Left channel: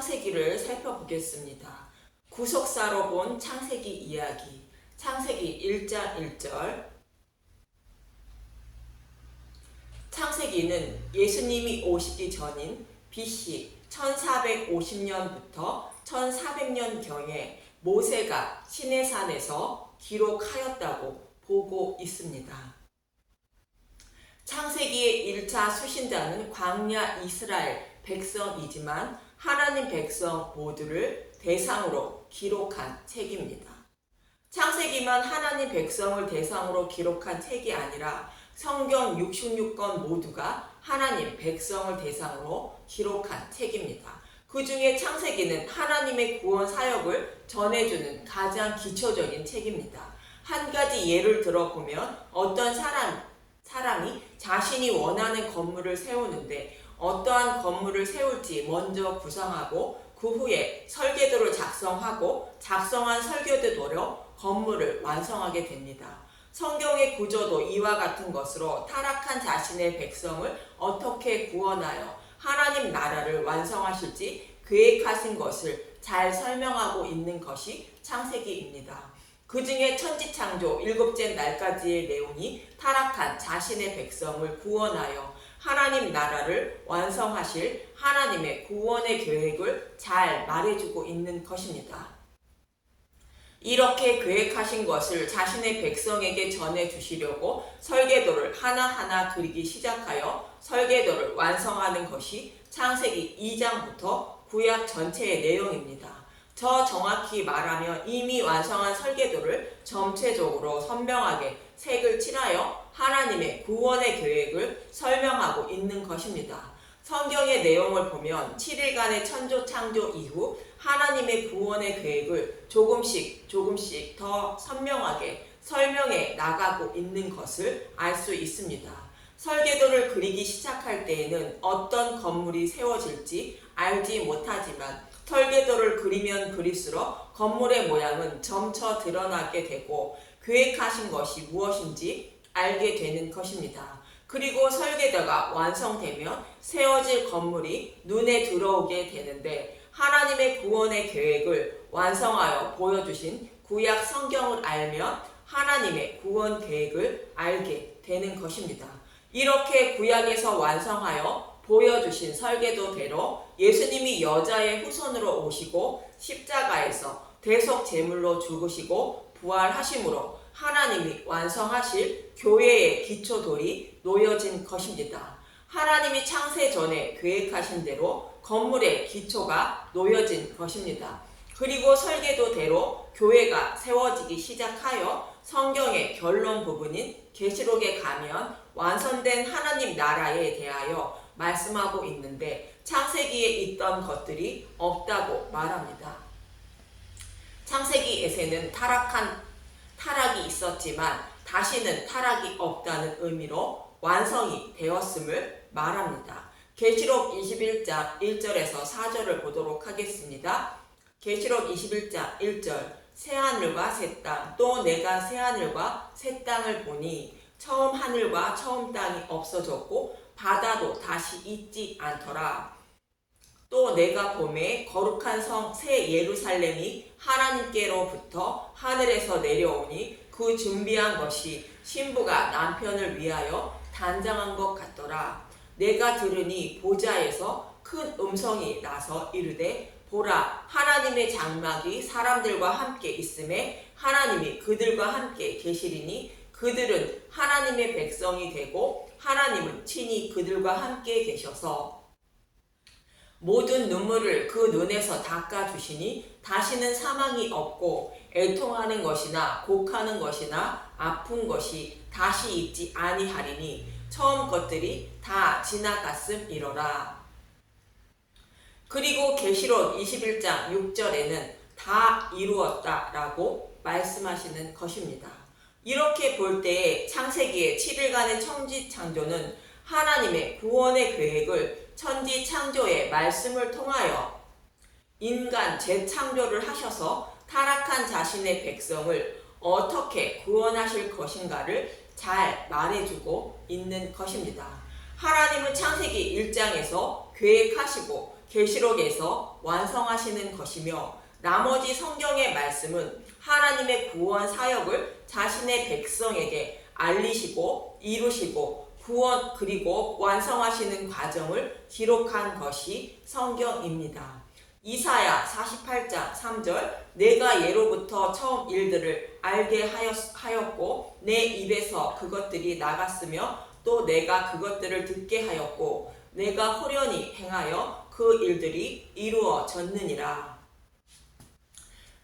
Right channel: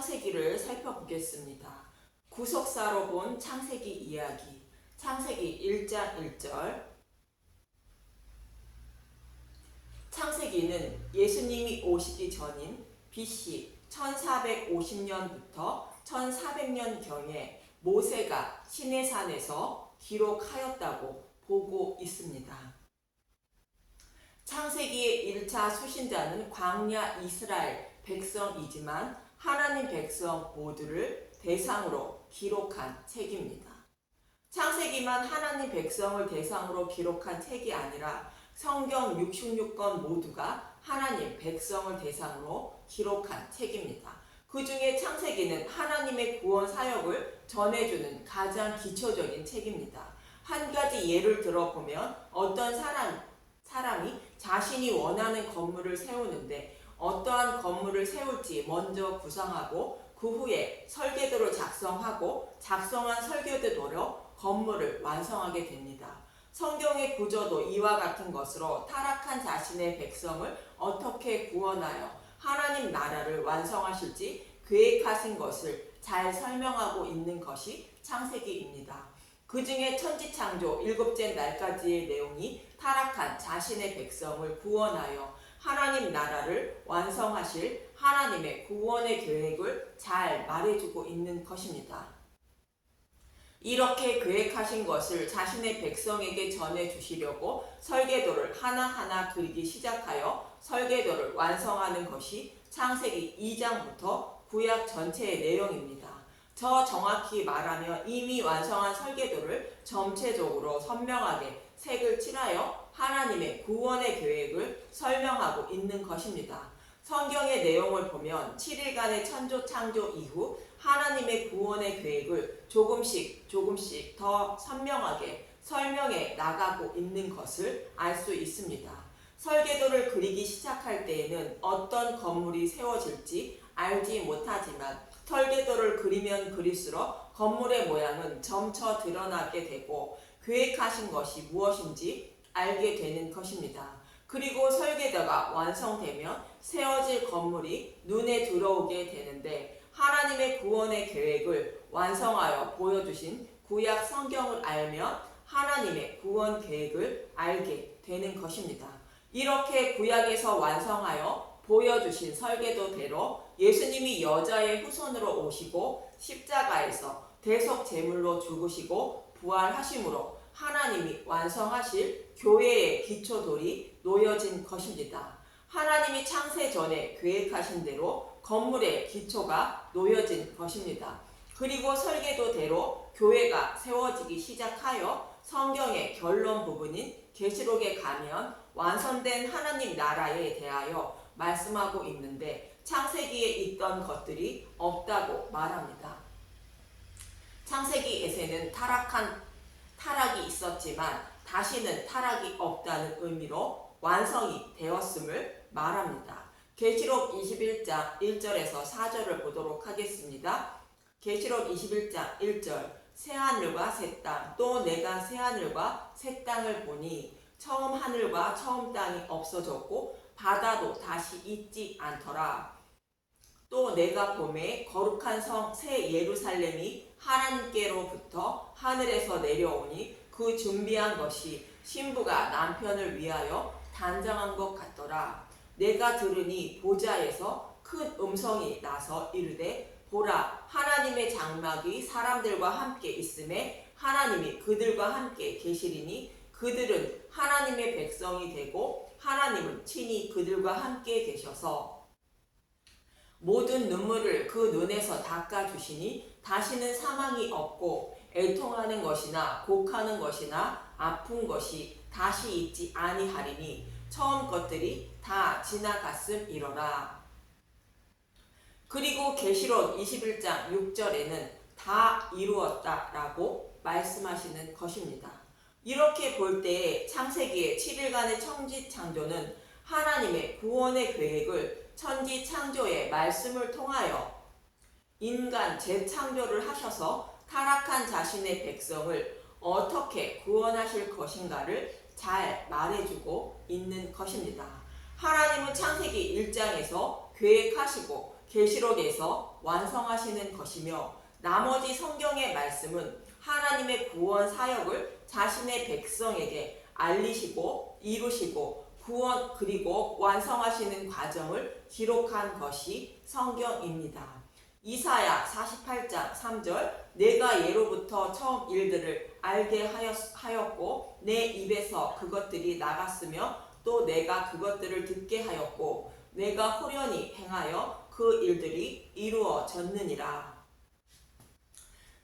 창세기를 살펴보겠습니다. 구속사로 본 창세기 이야기. 창세기 1장 1절. 창세기는 예수님이 오시기 전인 BC 1450년부터 1400년경에 모세가 시내산에서 기록하였다고 보고 있습니다. 창세기의 1차 수신자는 광야 이스라엘 백성이지만 하나님 백성 모두를 대상으로 기록한 책입니다. 창세기만 하나님 백성을 대상으로 기록한 책이 아니라 성경 66권 모두가 하나님 백성을 대상으로 기록한 책입니다. 그 중에 창세기는 하나님의 구원 사역을 전해주는 가장 기초적인 책입니다. 한 가지 예를 들어보면 어떤 사람이 자신이 원하는 건물을 세우는데 어떠한 건물을 세울지 먼저 구상하고 그 후에 설계도를 작성하고 작성한 설계도대로 건물을 완성하게 됩니다. 성경의 구조도 이와 같은 것으로 타락한 자신의 백성을 어떻게 구원하여 하나님 나라를 완성하실지 계획하신 것을 잘 설명하고 있는 것이 창세기입니다. 그 중에 천지창조 7째 날까지의 내용이 타락한 자신의 백성을 구원하여 하나님 나라를 완성하실 하나님의 구원의 계획을 잘 말해주고 있는 것입니다. 이렇게 계획하신 것을 자신의 백성에게 전해주시려고 설계도를 하나하나 그리기 시작하여 설계도를 완성하는 것이 창세기 2장부터 구약 전체의 내용입니다. 더 정확히 말하면 이미 완성한 설계도를 전체적으로 선명하게 색을 칠하여 하나님의 구원의 계획을 설명하고 있는 것입니다. 성경의 내용을 보면 7일간의 천조 창조 이후 하나님의 구원의 계획을 조금씩 더 선명하게 설명해 나가고 있는 것을 알 수 있습니다. 설계도를 그리기 시작할 때에는 어떤 건물이 세워질지 알지 못하지만 설계도를 그리면 그릴수록 건물의 모양은 점차 드러나게 되고 계획하신 것이 무엇인지 알게 되는 것입니다. 그리고 설계도가 완성되면 세워질 건물이 눈에 들어오게 되는데 하나님의 구원의 계획을 완성하여 보여주신 구약 성경을 알면 하나님의 구원 계획을 알게 되는 것입니다. 이렇게 구약에서 완성하여 보여주신 설계도대로 예수님이 여자의 후손으로 오시고 십자가에서 대속 제물로 죽으시고 부활하심으로 하나님이 완성하실 교회의 기초돌이 놓여진 것입니다. 하나님이 창세 전에 계획하신 대로 건물의 기초가 놓여진 것입니다. 그리고 설계도대로 교회가 세워지기 시작하여 성경의 결론 부분인 계시록에 가면 완성된 하나님 나라에 대하여 말씀하고 있는데 창세기에 있던 것들이 없다고 말합니다. 창세기에서는 타락이 있었지만 다시는 타락이 없다는 의미로 완성이 되었음을 말합니다. 계시록 21장 1절에서 4절을 보도록 하겠습니다. 계시록 21장 1절. 새하늘과 새 땅, 또 내가 새하늘과 새 땅을 보니 처음 하늘과 처음 땅이 없어졌고 바다도 다시 있지 않더라. 또 내가 보매 거룩한 성 새 예루살렘이 하나님께로부터 하늘에서 내려오니 그 준비한 것이 신부가 남편을 위하여 단장한 것 같더라. 내가 들으니 보좌에서 큰 음성이 나서 이르되 보라, 하나님의 장막이 사람들과 함께 있음에 하나님이 그들과 함께 계시리니 그들은 하나님의 백성이 되고 하나님은 친히 그들과 함께 계셔서 모든 눈물을 그 눈에서 닦아주시니 다시는 사망이 없고 애통하는 것이나 곡하는 것이나 아픈 것이 다시 있지 아니하리니 처음 것들이 다 지나갔음이로라. 그리고 계시록 21장 6절에는 다 이루었다라고 말씀하시는 것입니다. 이렇게 볼 때에 창세기의 7일간의 천지창조는 하나님의 구원의 계획을 천지창조의 말씀을 통하여 인간 재창조를 하셔서 타락한 자신의 백성을 어떻게 구원하실 것인가를 잘 말해주고 있는 것입니다. 하나님은 창세기 1장에서 계획하시고 계시록에서 완성하시는 것이며 나머지 성경의 말씀은 하나님의 구원 사역을 자신의 백성에게 알리시고 이루시고 구원 그리고 완성하시는 과정을 기록한 것이 성경입니다. 이사야 48장 3절 내가 예로부터 처음 일들을 알게 하였고 내 입에서 그것들이 나갔으며 또 내가 그것들을 듣게 하였고 내가 호련히 행하여 그 일들이 이루어졌느니라.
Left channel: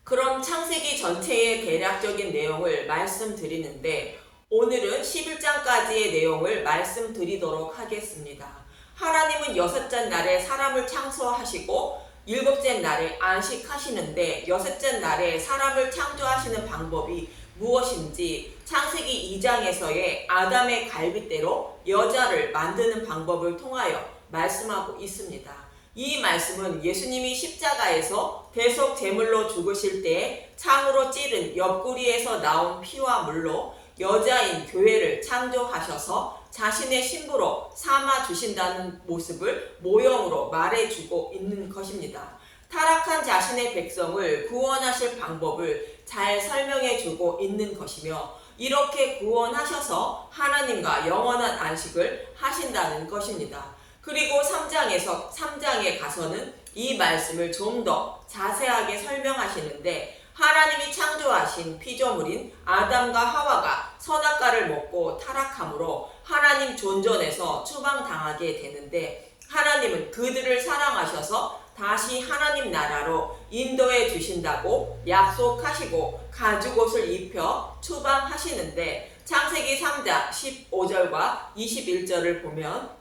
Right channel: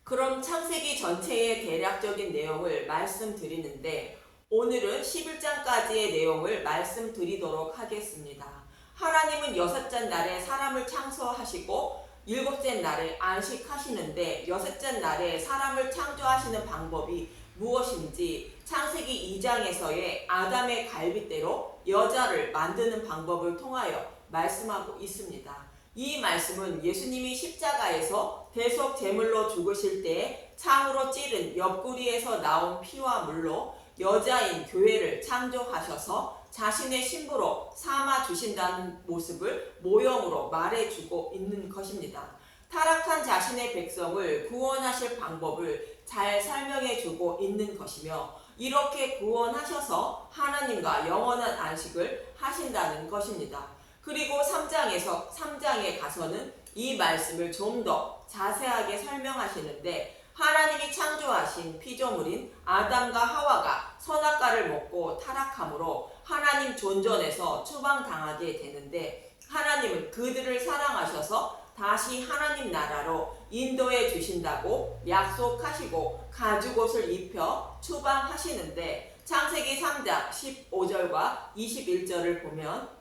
그럼 창세기 전체의 대략적인 내용을 말씀드리는데 오늘은 11장까지의 내용을 말씀드리도록 하겠습니다. 하나님은 6째 날에 사람을 창조하시고 7째 날에 안식하시는데 6째 날에 사람을 창조하시는 방법이 무엇인지 창세기 2장에서의 아담의 갈빗대로 여자를 만드는 방법을 통하여 말씀하고 있습니다. 이 말씀은 예수님이 십자가에서 대속 제물로 죽으실 때 창으로 찌른 옆구리에서 나온 피와 물로 여자인 교회를 창조하셔서 자신의 신부로 삼아 주신다는 모습을 모형으로 말해주고 있는 것입니다. 타락한 자신의 백성을 구원하실 방법을 잘 설명해주고 있는 것이며 이렇게 구원하셔서 하나님과 영원한 안식을 하신다는 것입니다. 그리고 3장에 가서는 이 말씀을 좀 더 자세하게 설명하시는데 하나님이 창조하신 피조물인 아담과 하와가 선악과를 먹고 타락함으로 하나님 존전에서 추방당하게 되는데 하나님은 그들을 사랑하셔서 다시 하나님 나라로 인도해 주신다고 약속하시고 가죽옷을 입혀 추방하시는데 창세기 3장 15절과 21절을 보면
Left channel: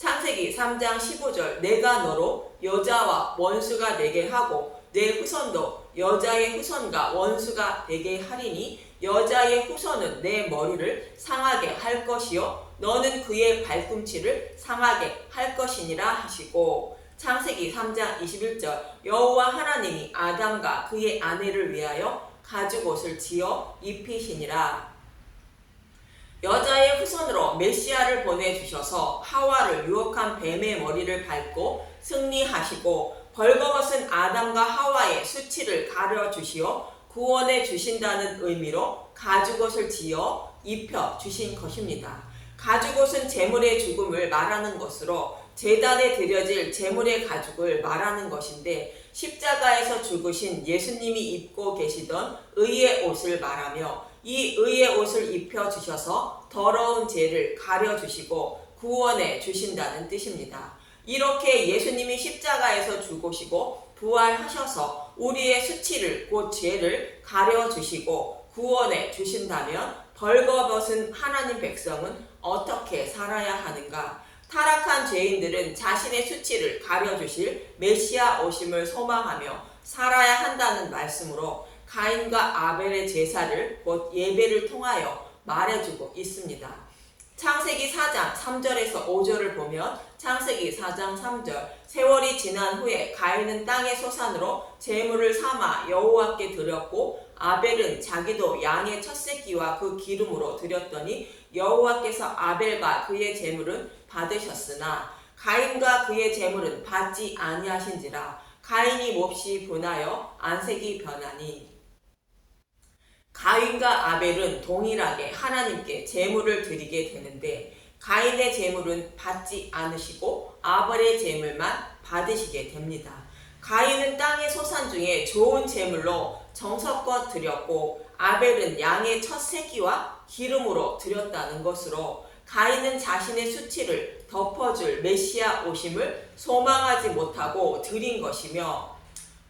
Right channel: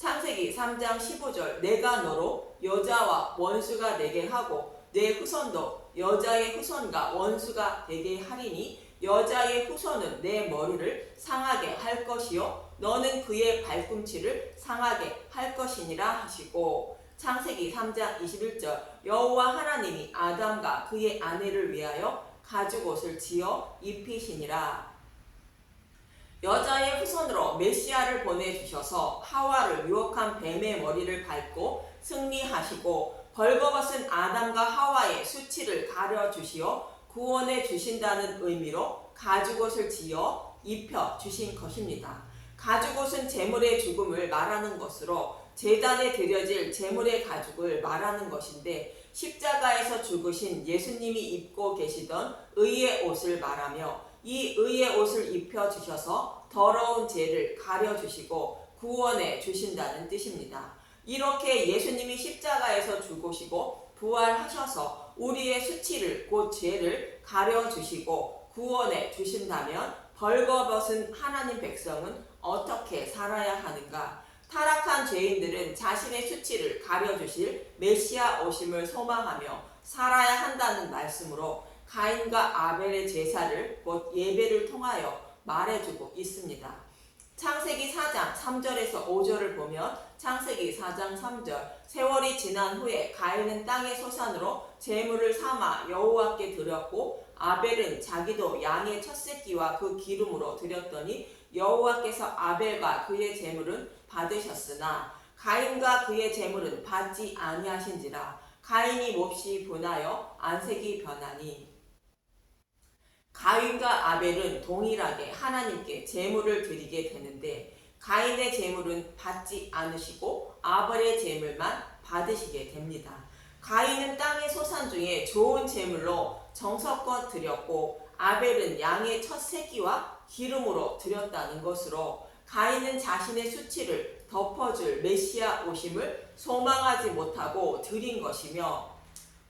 창세기 3장 15절 내가 너로 여자와 원수가 되게 하고 내 후손도 여자의 후손과 원수가 되게 하리니 여자의 후손은 내 머리를 상하게 할 것이요 너는 그의 발꿈치를 상하게 할 것이니라 하시고 창세기 3장 21절 여호와 하나님이 아담과 그의 아내를 위하여 가죽옷을 지어 입히시니라. 여자의 후손으로 메시아를 보내주셔서 하와를 유혹한 뱀의 머리를 밟고 승리하시고 벌거벗은 아담과 하와의 수치를 가려주시어 구원해 주신다는 의미로 가죽옷을 지어 입혀 주신 것입니다. 가죽옷은 제물의 죽음을 말하는 것으로 제단에 드려질 제물의 가죽을 말하는 것인데 십자가에서 죽으신 예수님이 입고 계시던 의의 옷을 말하며 이 의의 옷을 입혀주셔서 더러운 죄를 가려주시고 구원해 주신다는 뜻입니다. 이렇게 예수님이 십자가에서 죽으시고 부활하셔서 우리의 수치를 곧 죄를 가려주시고 구원해 주신다면 벌거벗은 하나님 백성은 어떻게 살아야 하는가? 타락한 죄인들은 자신의 수치를 가려주실 메시아 오심을 소망하며 살아야 한다는 말씀으로 가인과 아벨의 제사를 곧 예배를 통하여 말해주고 있습니다. 창세기 4장 3절에서 5절을 보면 창세기 4장 3절 세월이 지난 후에 가인은 땅의 소산으로 제물을 삼아 여호와께 드렸고 아벨은 자기도 양의 첫 새끼와 그 기름으로 드렸더니 여호와께서 아벨과 그의 제물은 받으셨으나 가인과 그의 제물은 받지 아니하신지라 가인이 몹시 분하여 안색이 변하니 가인과 아벨은 동일하게 하나님께 제물을 드리게 되는데 가인의 제물은 받지 않으시고 아벨의 제물만 받으시게 됩니다. 가인은 땅의 소산 중에 좋은 제물로 정성껏 드렸고 아벨은 양의 첫 새끼와 기름으로 드렸다는 것으로 가인은 자신의 수치를 덮어줄 메시아 오심을 소망하지 못하고 드린 것이며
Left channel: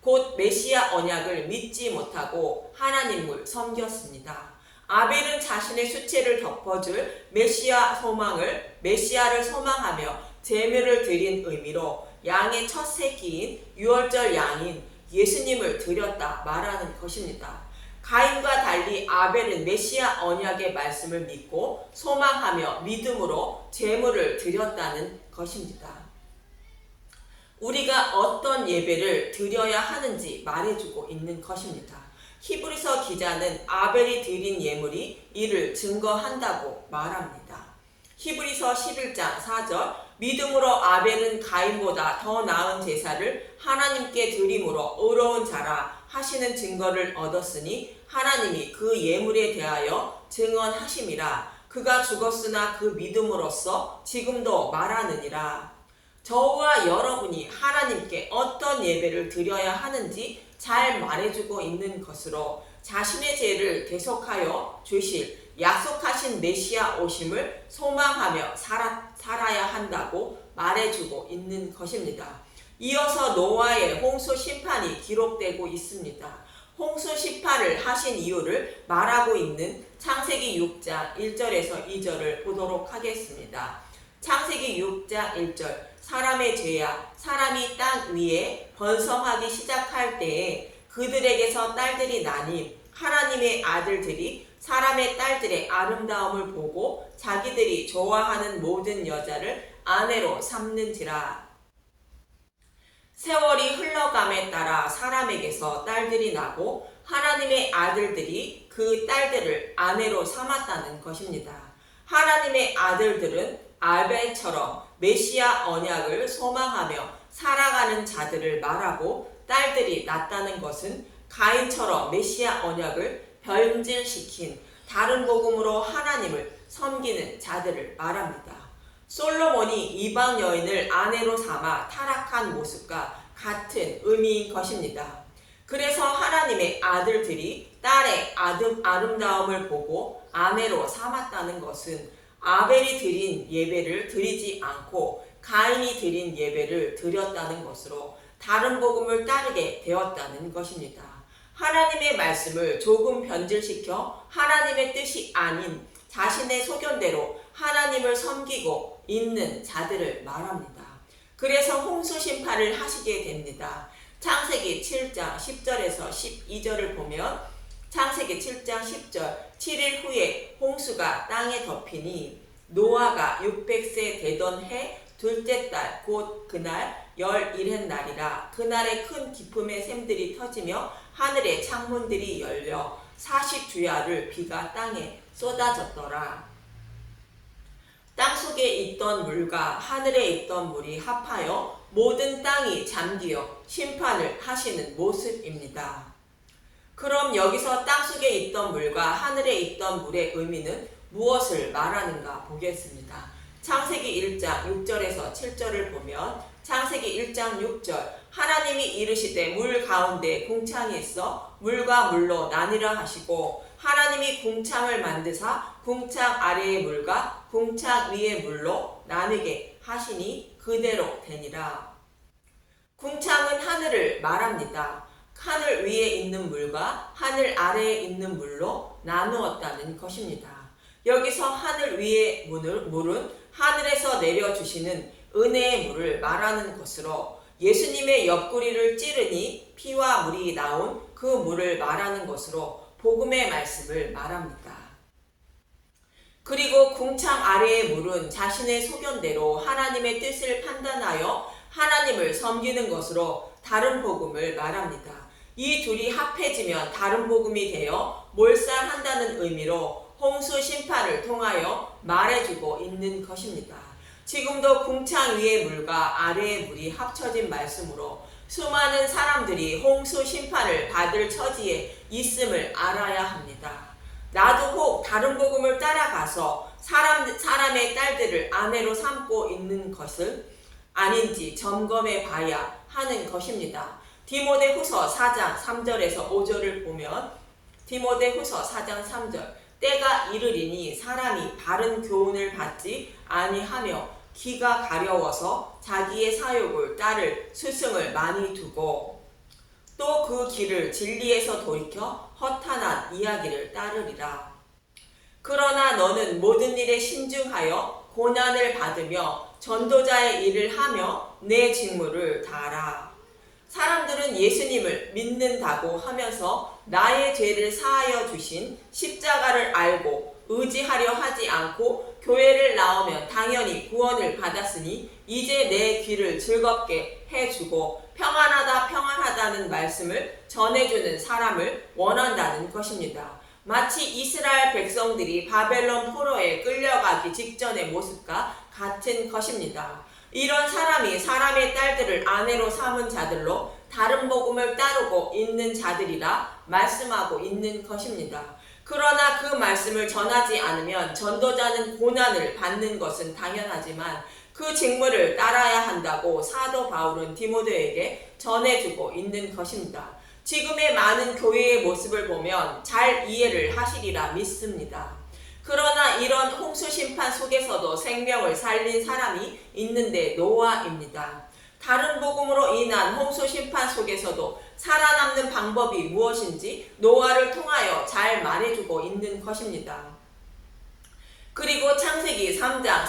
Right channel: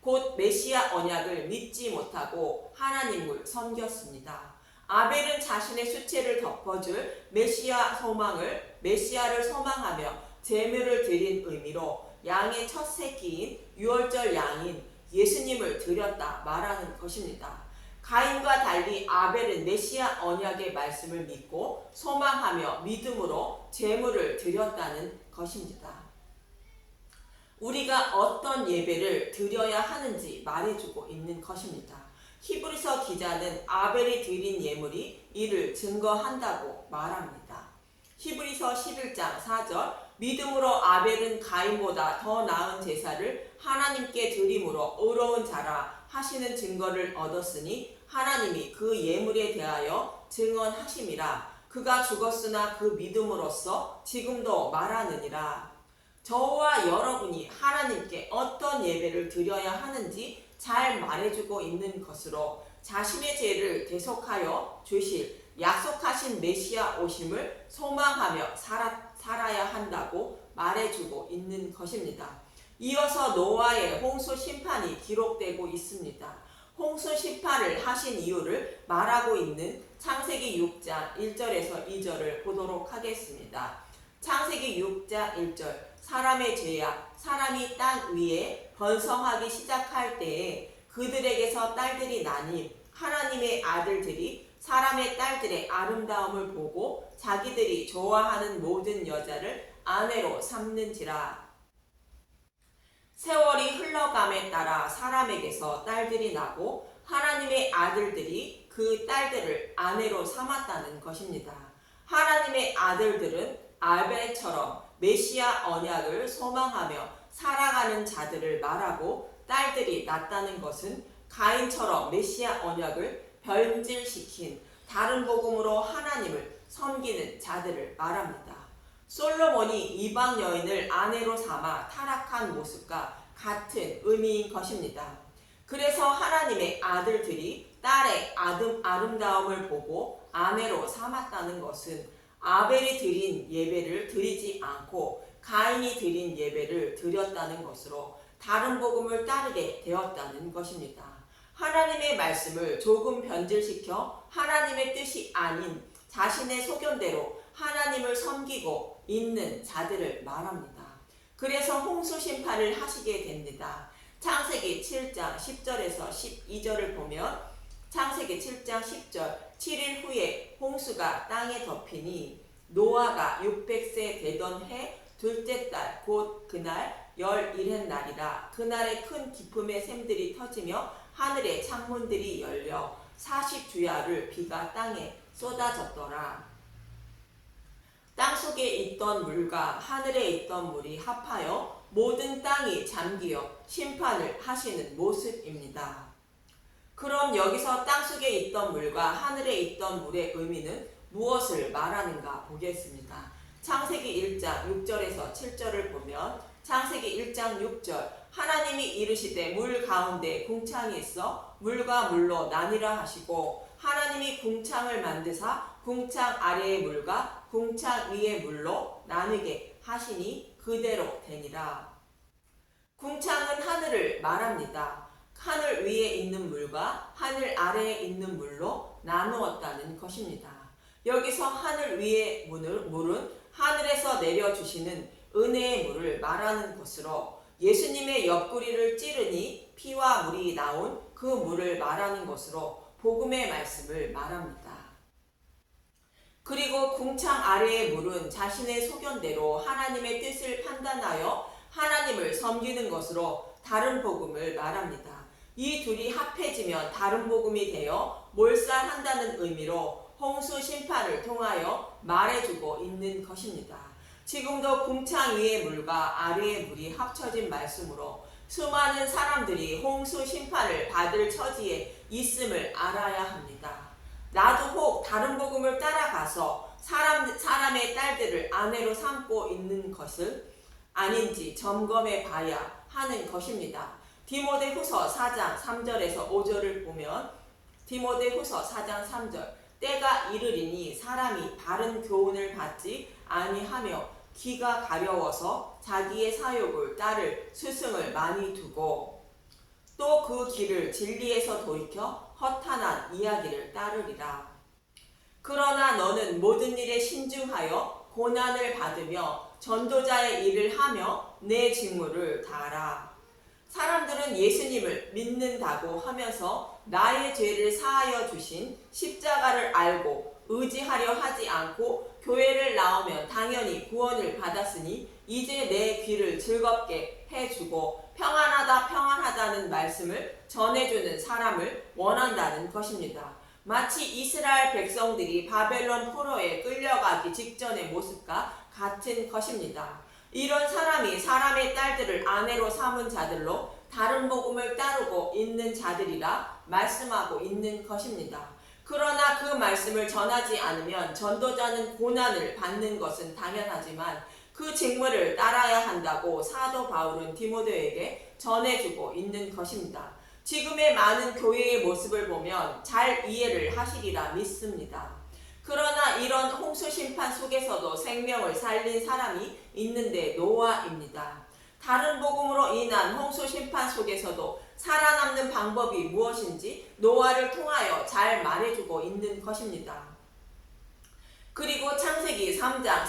곧 메시아 언약을 믿지 못하고 하나님을 섬겼습니다. 아벨은 자신의 수치를 덮어줄 메시아를 소망하며 제물을 드린 의미로 양의 첫 새끼인 유월절 양인 예수님을 드렸다 말하는 것입니다. 가인과 달리 아벨은 메시아 언약의 말씀을 믿고 소망하며 믿음으로 제물을 드렸다는 것입니다. 우리가 어떤 예배를 드려야 하는지 말해주고 있는 것입니다. 히브리서 기자는 아벨이 드린 예물이 이를 증거한다고 말합니다. 히브리서 11장 4절 믿음으로 아벨은 가인보다 더 나은 제사를 하나님께 드림으로 의로운 자라 하시는 증거를 얻었으니 하나님이 그 예물에 대하여 증언하심이라. 그가 죽었으나 그 믿음으로써 지금도 말하느니라. 저와 여러분이 하나님께 어떤 예배를 드려야 하는지 잘 말해주고 있는 것으로 자신의 죄를 대속하여 주실 약속하신 메시아 오심을 소망하며 살아야 한다고 말해주고 있는 것입니다. 이어서 노아의 홍수 심판이 기록되고 있습니다. 홍수 심판을 하신 이유를 말하고 있는 창세기 6장 1절에서 2절을 보도록 하겠습니다. 창세기 6장 1절 사람의 죄야 사람이 땅 위에 번성하기 시작할 때에 그들에게서 딸들이 나니 하나님의 아들들이 사람의 딸들의 아름다움을 보고 자기들이 좋아하는 모든 여자를 아내로 삼는지라. 세월이 흘러감에 따라 사람에게서 딸들이 나고 하나님의 아들들이 그 딸들을 아내로 삼았다는 것입니다. 하나님의 아들들은 아벨처럼 메시아 언약을 소망하며 살아가는 자들을 말하고 딸들이 낳았다는 것은 가인처럼 메시아 언약을 변질시킨 다른 복음으로 하나님을 섬기는 자들을 말합니다. 솔로몬이 이방 여인을 아내로 삼아 타락한 모습과 같은 의미인 것입니다. 그래서 하나님의 아들들이 딸의 아름다움을 보고 아내로 삼았다는 것은 아벨이 드린 예배를 드리지 않고 가인이 드린 예배를 드렸다는 것으로 다른 복음을 따르게 되었다는 것입니다. 하나님의 말씀을 조금 변질시켜 하나님의 뜻이 아닌 자신의 소견대로 하나님을 섬기고 있는 자들을 말합니다. 그래서 홍수 심판을 하시게 됩니다. 창세기 7장 10절에서 12절을 보면 창세기 7장 10절 7일 후에 홍수가 땅에 덮이니 노아가 600세 되던 해 둘째 달 곧 그날 11의 날이라. 그날에 큰 기품의 샘들이 터지며 하늘의 창문들이 열려 40주야를 비가 땅에 쏟아졌더라. 땅속에 있던 물과 하늘에 있던 물이 합하여 모든 땅이 잠기어 심판을 하시는 모습입니다. 그럼 여기서 땅속에 있던 물과 하늘에 있던 물의 의미는 무엇을 말하는가 보겠습니다. 창세기 1장 6절에서 7절을 보면 창세기 1장 6절 하나님이 이르시되 물 가운데 궁창이 있어 물과 물로 나뉘라 하시고 하나님이 궁창을 만드사 궁창 아래의 물과 궁창 위의 물로 나누게 하시니 그대로 되니라. 궁창은 하늘을 말합니다. 하늘 위에 있는 물과 하늘 아래에 있는 물로 나누었다는 것입니다. 여기서 하늘 위의 물은 하늘에서 내려주시는 은혜의 물을 말하는 것으로 예수님의 옆구리를 찌르니 피와 물이 나온 그 물을 말하는 것으로 복음의 말씀을 말합니다. 그리고 궁창 아래의 물은 자신의 소견대로 하나님의 뜻을 판단하여 하나님을 섬기는 것으로 다른 복음을 말합니다. 이 둘이 합해지면 다른 복음이 되어 몰살한다는 의미로 홍수 심판을 통하여 말해주고 있는 것입니다. 지금도 궁창 위의 물과 아래의 물이 합쳐진 말씀으로 수많은 사람들이 홍수 심판을 받을 처지에 있음을 알아야 합니다. 나도 혹 다른 복음을 따라가서 사람의 딸들을 아내로 삼고 있는 것은 아닌지 점검해 봐야 하는 것입니다. 디모데후서 4장 3절에서 5절을 보면 디모데후서 4장 3절 때가 이르리니 사람이 바른 교훈을 받지 아니하며 귀가 가려워서 자기의 사욕을 따를 스승을 많이 두고 또 그 길을 진리에서 돌이켜 허탄한 이야기를 따르리라. 그러나 너는 모든 일에 신중하여 고난을 받으며 전도자의 일을 하며 내 직무를 다하라. 사람들은 예수님을 믿는다고 하면서 나의 죄를 사하여 주신 십자가를 알고 의지하려 하지 않고 교회를 나오면 당연히 구원을 받았으니 이제 내 귀를 즐겁게 해주고 평안하다는 말씀을 전해주는 사람을 원한다는 것입니다. 마치 이스라엘 백성들이 바벨론 포로에 끌려가기 직전의 모습과 같은 것입니다. 이런 사람이 사람의 딸들을 아내로 삼은 자들로 다른 복음을 따르고 있는 자들이라 말씀하고 있는 것입니다. 그러나 그 말씀을 전하지 않으면 전도자는 고난을 받는 것은 당연하지만 그 직무를 따라야 한다고 사도 바울은 디모데에게 전해주고 있는 것입니다. 지금의 많은 교회의 모습을 보면 잘 이해를 하시리라 믿습니다. 그러나 이런 홍수 심판 속에서도 생명을 살린 사람이 있는데 노아입니다. 다른 복음으로 인한 홍수 심판 속에서도 살아남는 방법이 무엇인지 노아를 통하여 잘 말해주고 있는 것입니다. 그리고 창세기 3장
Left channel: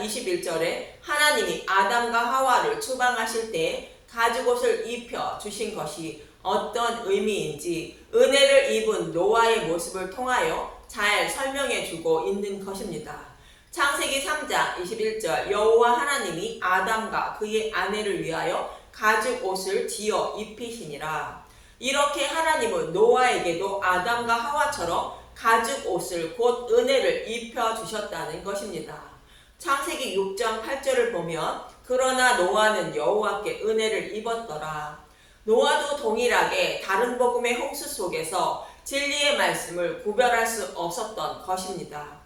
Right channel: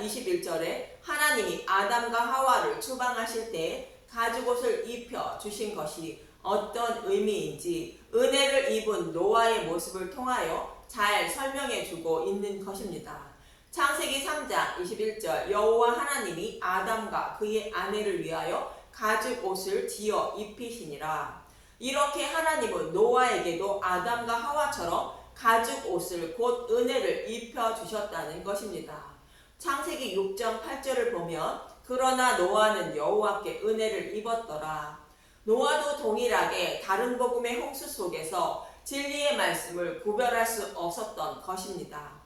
21절에 하나님이 아담과 하와를 추방하실 때 가죽옷을 입혀 주신 것이 어떤 의미인지 은혜를 입은 노아의 모습을 통하여 잘 설명해 주고 있는 것입니다. 창세기 3장 21절 여호와 하나님이 아담과 그의 아내를 위하여 가죽 옷을 지어 입히시니라. 이렇게 하나님은 노아에게도 아담과 하와처럼 가죽 옷을 곧 은혜를 입혀 주셨다는 것입니다. 창세기 6장 8절을 보면 그러나 노아는 여호와께 은혜를 입었더라. 노아도 동일하게 다른 복음의 홍수 속에서 진리의 말씀을 구별할 수 없었던 것입니다.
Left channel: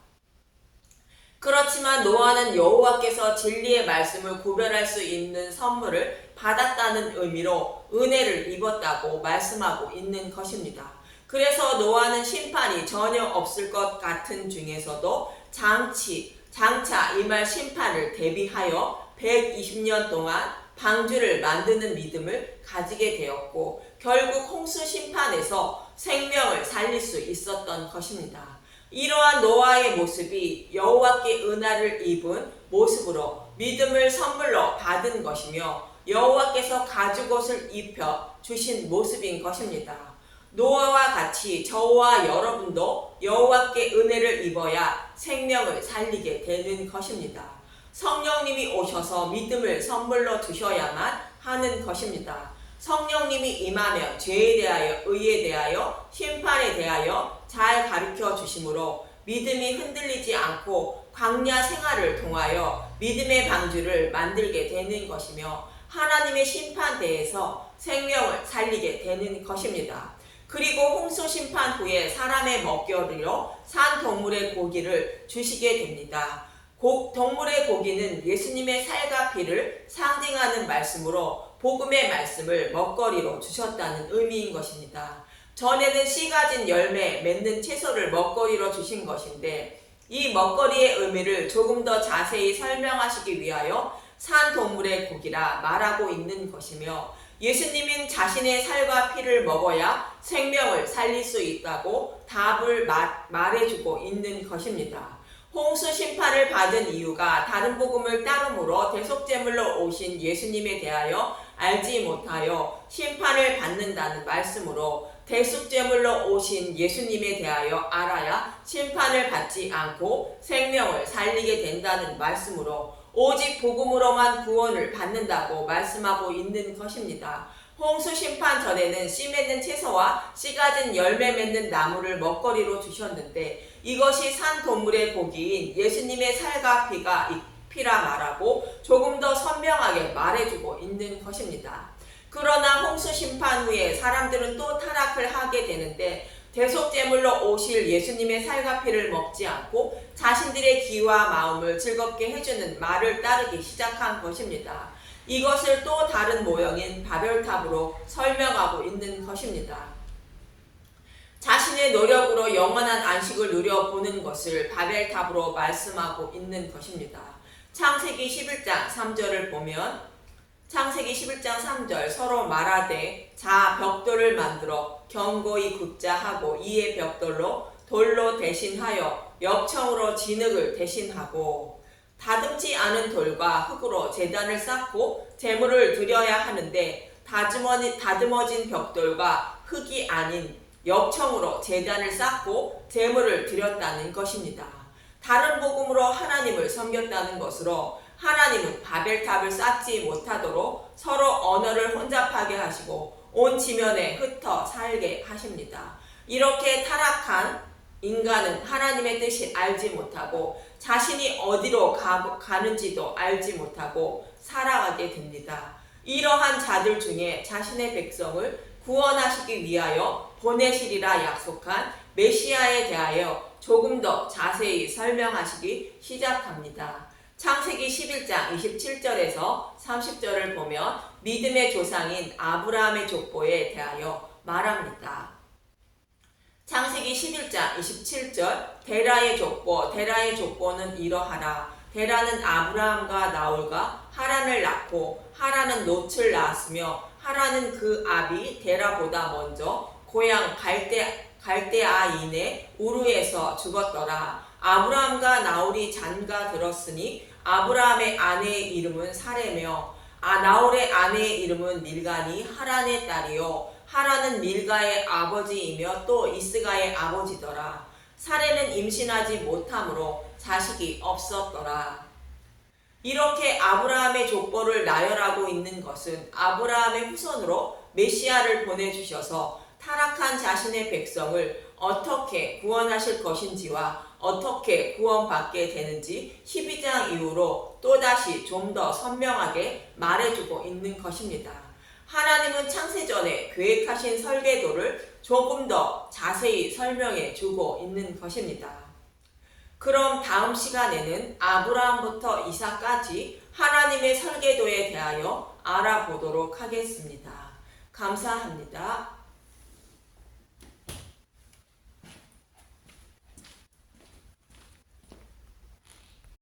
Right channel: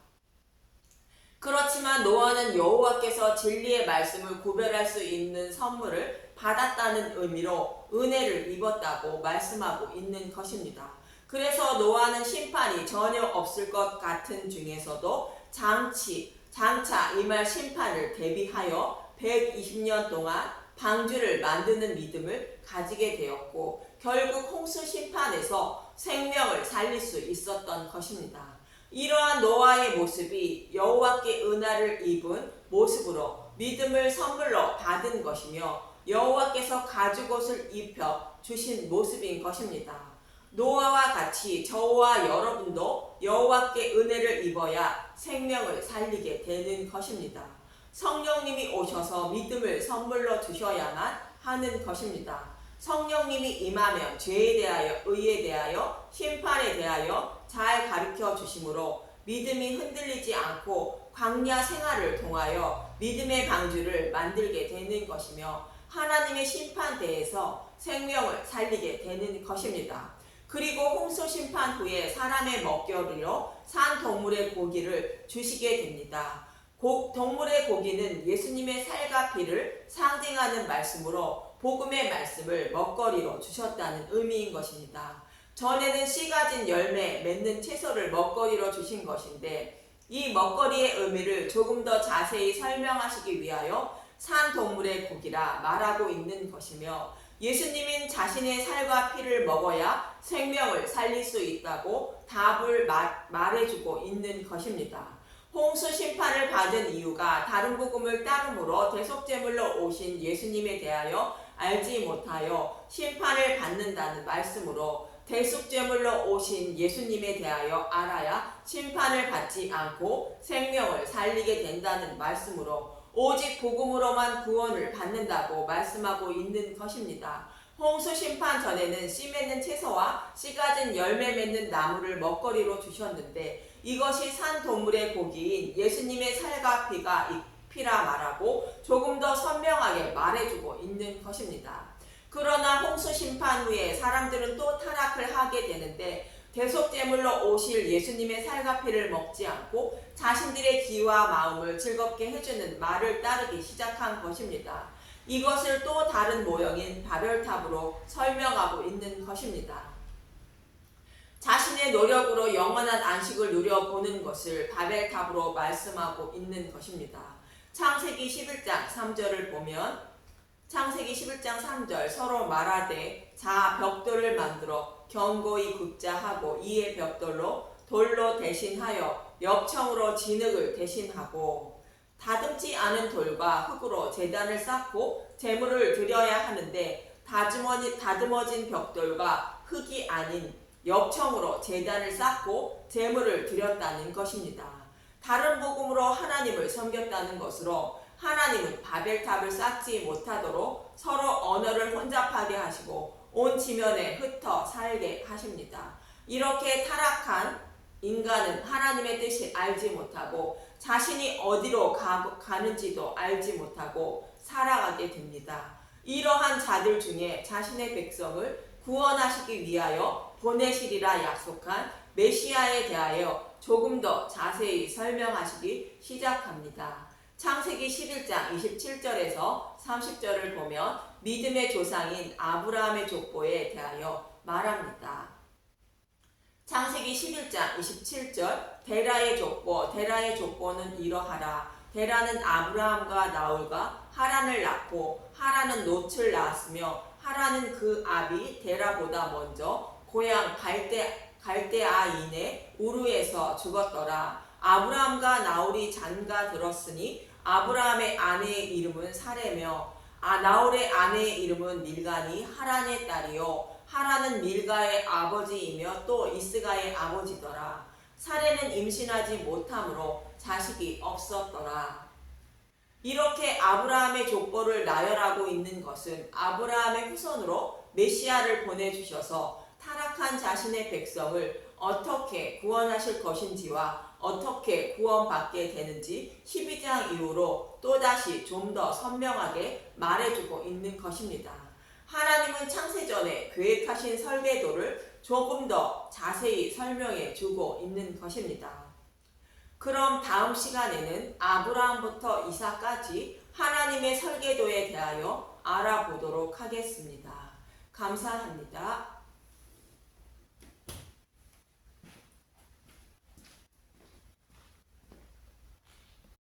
그렇지만 노아는 여호와께서 진리의 말씀을 구별할 수 있는 선물을 받았다는 의미로 은혜를 입었다고 말씀하고 있는 것입니다. 그래서 노아는 심판이 전혀 없을 것 같은 중에서도 장차 임할 심판을 대비하여 120년 동안 방주를 만드는 믿음을 가지게 되었고 결국 홍수 심판에서 생명을 살릴 수 있었던 것입니다. 이러한 노아의 모습이 여호와께 은혜를 입은 모습으로 믿음을 선물로 받은 것이며 여호와께서 가죽옷을 입혀 주신 모습인 것입니다. 노아와 같이 저와 여러분도 여호와께 은혜를 입어야 생명을 살리게 되는 것입니다. 성령님이 오셔서 믿음을 선물로 주셔야만 하는 것입니다. 성령님이 임하면 죄에 대하여, 의에 대하여, 심판에 대하여 잘 가르쳐 주심으로 믿음이 흔들리지 않고 광야 생활을 통하여 믿음의 방주를 만들게 되는 것이며 하나님의 심판대에서 생명을 살리게 되는 것입니다. 그리고 홍수 심판 후에 사람의 먹거리로 산 동물의 고기를 주시게 됩니다. 동물의 고기는 예수님의 살과 피를 상징하는 말씀으로 복음의 말씀을 먹거리로 주셨다는 의미인 것입니다. 전에는 씨 가진 열매 맺는 채소를 먹거리로 주신 것인데 이 먹거리의 의미를 조금 더 자세히 설명하시기 위하여 산 동물의 고기라 말하고 있는 것이며 예수님은 자신의 살과 피를 먹어야 생명을 살릴 수 있다고 답을 말해주고 있는 것입니다. 홍수 심판을 받은 이유가 다른 복음을 따름으로 대속제물로 오신 예수님에 대하여 알지 못하여 심판을 받는다는 말씀으로 대속제물로 오신 예수님에 대하여 알아야 심판을 받지 않고 생명을 살리게 된다는 말씀으로 오직 복음으로만 구원을 받는다고 말씀하고 있는 것입니다. 홍수 심판 전에는 씨 맺는 채소와 씨 가진 열매 맺는 나무를 먹거리로 주셨는데 이것이 산 동물의 고기인 예수님의 살과 피라 말하고 조금 더 선명하게 말해주고 있는 것입니다. 그러나 홍수 심판 후에 사람들은 또 타락을 하게 되는데 대속제물로 오실 예수님의 살과 피를 먹지 않고 자신들의 귀와 마음을 즐겁게 해주는 말을 따르기 시작한 것입니다. 이것을 또 다른 모형인 바벨탑으로 설명하고 있는 것입니다. 자신의 노력으로 영원한 안식을 누려보는 것을 바벨탑으로 말씀하고 있는 것입니다. 창세기 11장 3절을 보면 창세기 11장 3절 서로 말하되 자 벽돌을 만들어 견고히 굽자 하고 이에 벽돌로 돌로 대신하여 엽청으로 진흙을 대신하고 다듬지 않은 돌과 흙으로 제단을 쌓고 제물을 드려야 하는데 다듬어진 벽돌과 흙이 아닌 엽청으로 제단을 쌓고 제물을 드렸다는 것입니다. 다른 복음으로 하나님을 섬겼다는 것으로 하나님은 바벨탑을 쌓지 못하도록 서로 언어를 혼잡하게 하시고 온 지면에 흩어 살게 하십니다. 이렇게 타락한 인간은 하나님의 뜻을 알지 못하고 자신이 어디로 가는지도 알지 못하고 살아가게 됩니다. 이러한 자들 중에 자신의 백성을 구원하시기 위하여 보내시리라 약속한 메시아에 대하여 조금 더 자세히 설명하시기 시작합니다. 창세기 11장 27절에서 30절을 보면 믿음의 조상인 아브라함의 족보에 대하여 말합니다. 창세기 11장 27절 데라의 족보는 이러하라. 데라는 아브라함과 나홀과 하란을 낳고 하란은 롯을 낳았으며 하란은 그 아비 데라보다 먼저 고향 갈대아인의 우르에서 죽었더라. 아브라함과 나홀이 장가 들었으니 아브라함의 아내의 이름은 사레며 나홀의 아내의 이름은 밀가니 하란의 딸이요 하란은 밀가의 아버지이며 또 이스가의 아버지더라. 사레는 임신하지 못하므로 자식이 없었더라. 이렇게 아브라함의 족보를 나열하고 있는 것은 아브라함의 후손으로 메시아를 보내주셔서 타락한 자신의 백성을 어떻게 구원하실 것인지와 어떻게 구원받게 되는지 12장 이후로 또다시 좀 더 선명하게 말해주고 있는 것입니다. 하나님은 창세전에 계획하신 설계도를 조금 더 자세히 설명해 주고 있는 것입니다. 그럼 다음 시간에는 아브라함부터 이삭까지 하나님의 설계도에 대하여 알아보도록 하겠습니다. 감사합니다.